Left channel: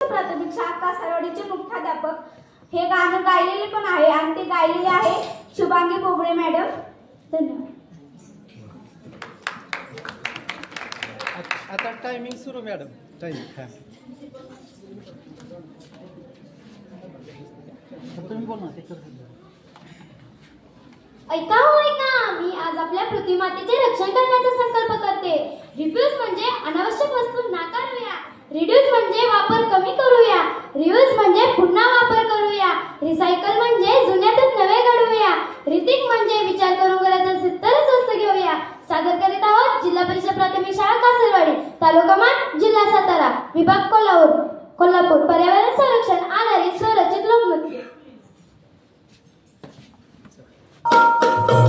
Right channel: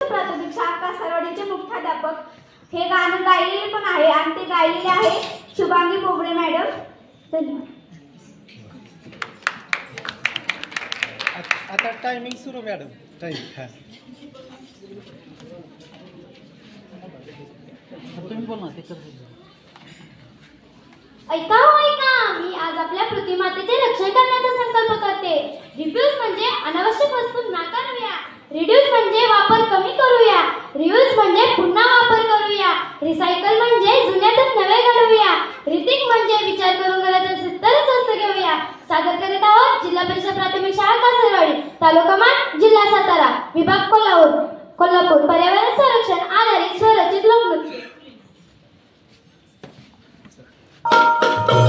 प्राथमिक शाळा कासारवाडीचे मुख्याध्यापक हे गाणं गायलेले पण आहे आणि ते गायलेले आहे शुभांगी बोबडे मॅडम. धन्यवाद. आता टायमिंग सुरू मॅडम. तुम्ही बोल ना. ऐका होय का, मी आज आपल्या पृथ्वीमातेचे रक्षण करण्याचा संकल्प करते. रिफ्यूज म्हणजे अनावश्यक वस्तू नाकारूया, रिड्यूस म्हणजे वापर कमी करूया, रियूज म्हणजे पुन्हा वापर करूया, रिसायकल म्हणजे जुन्यातच नवे घडवूया, रिथिंक म्हणजे विचार करून गरज असेल तरच स्वस्त घेऊया. सादर करीत आहोत जिल्हा परिषद प्राथमिक शाळा कासरवाडी, तालुका मान, जिल्हा सातारा, विभाग कोल्हापूर. पर्यावरण संरक्षण आधारित स्वरचित लोकनृत्य. आता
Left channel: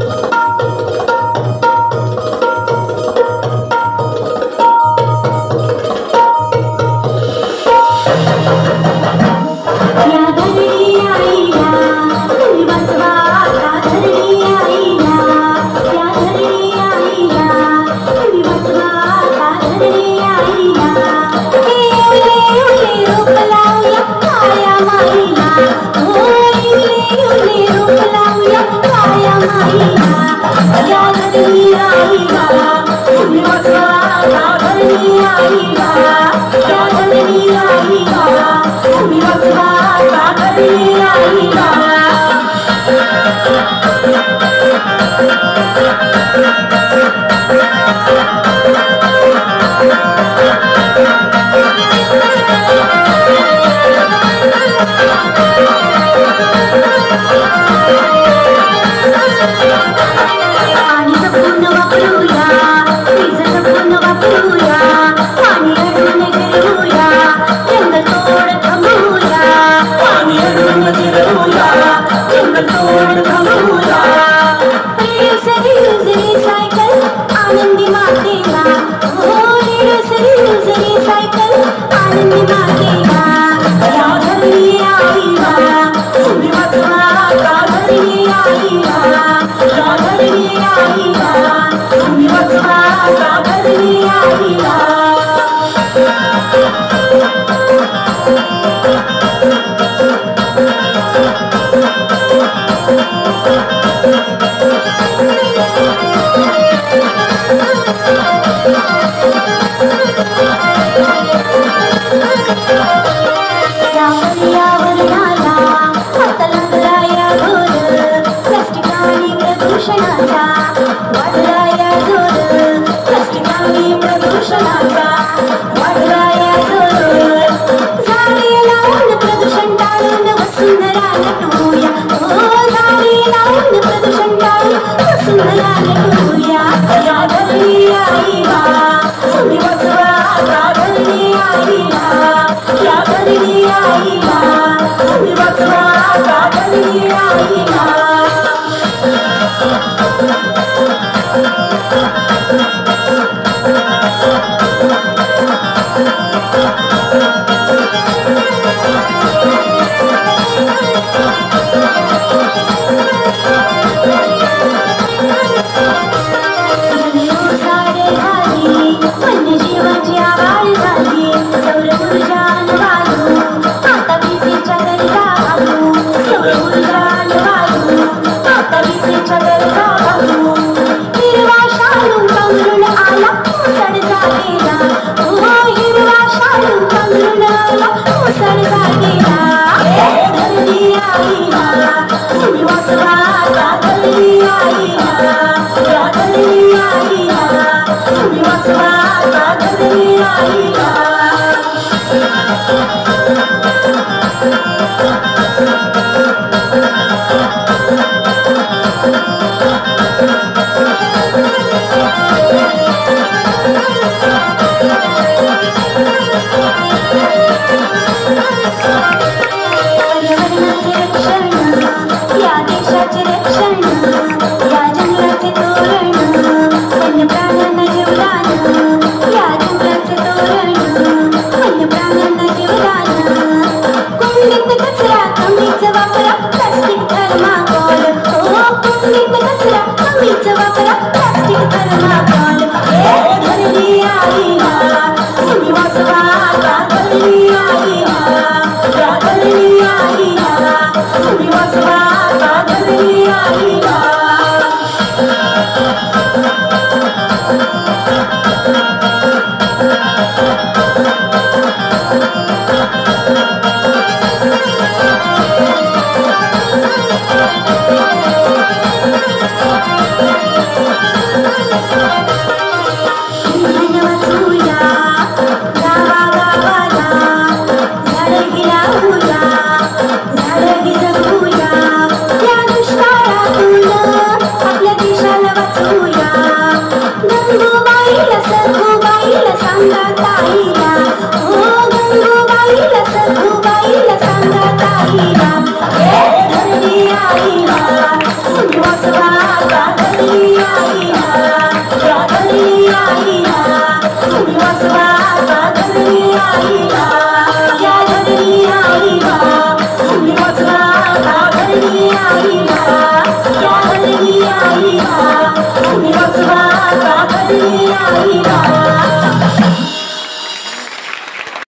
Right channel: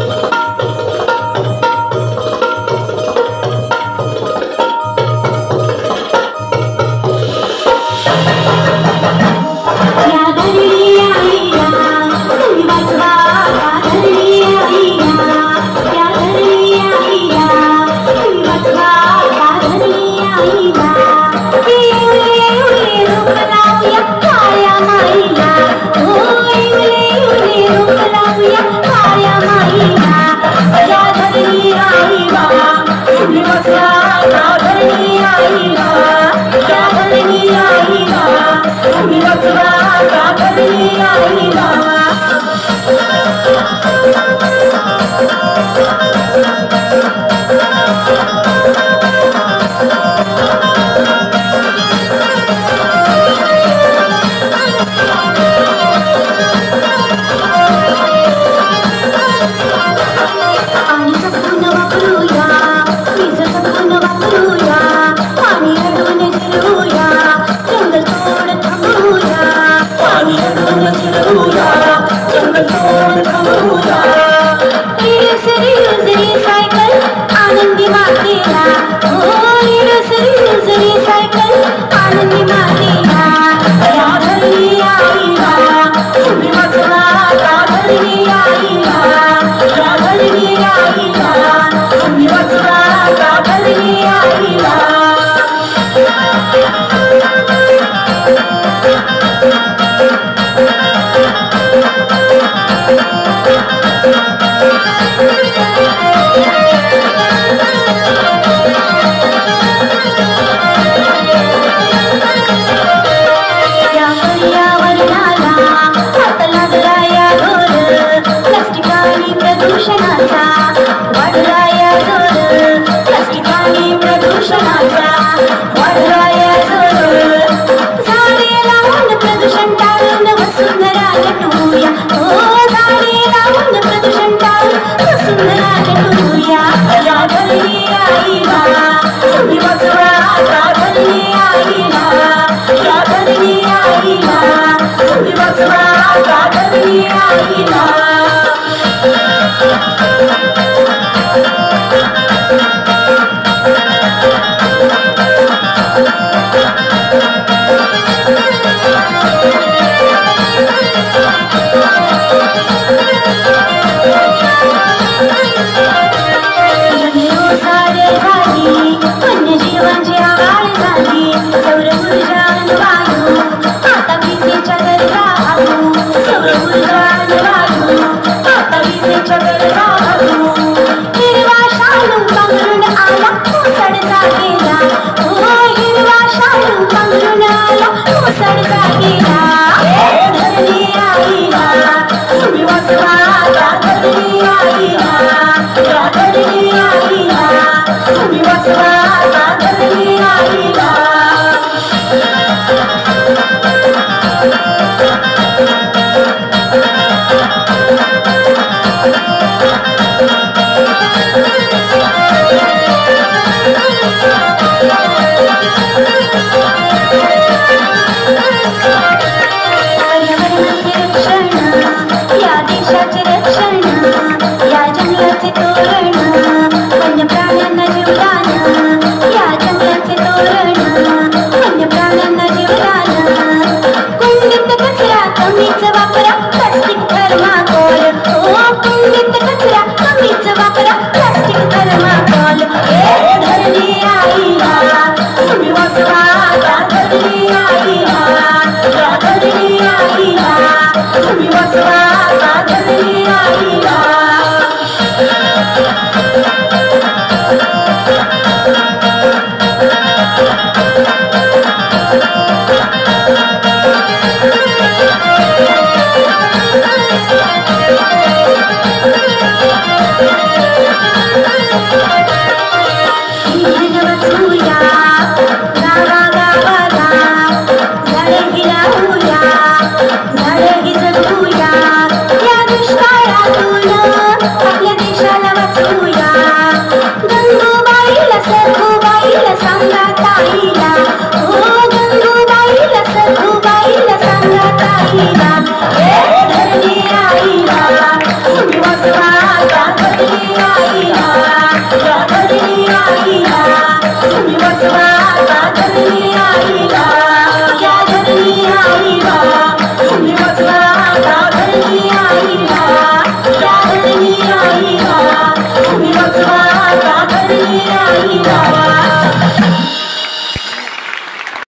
नाही बाबा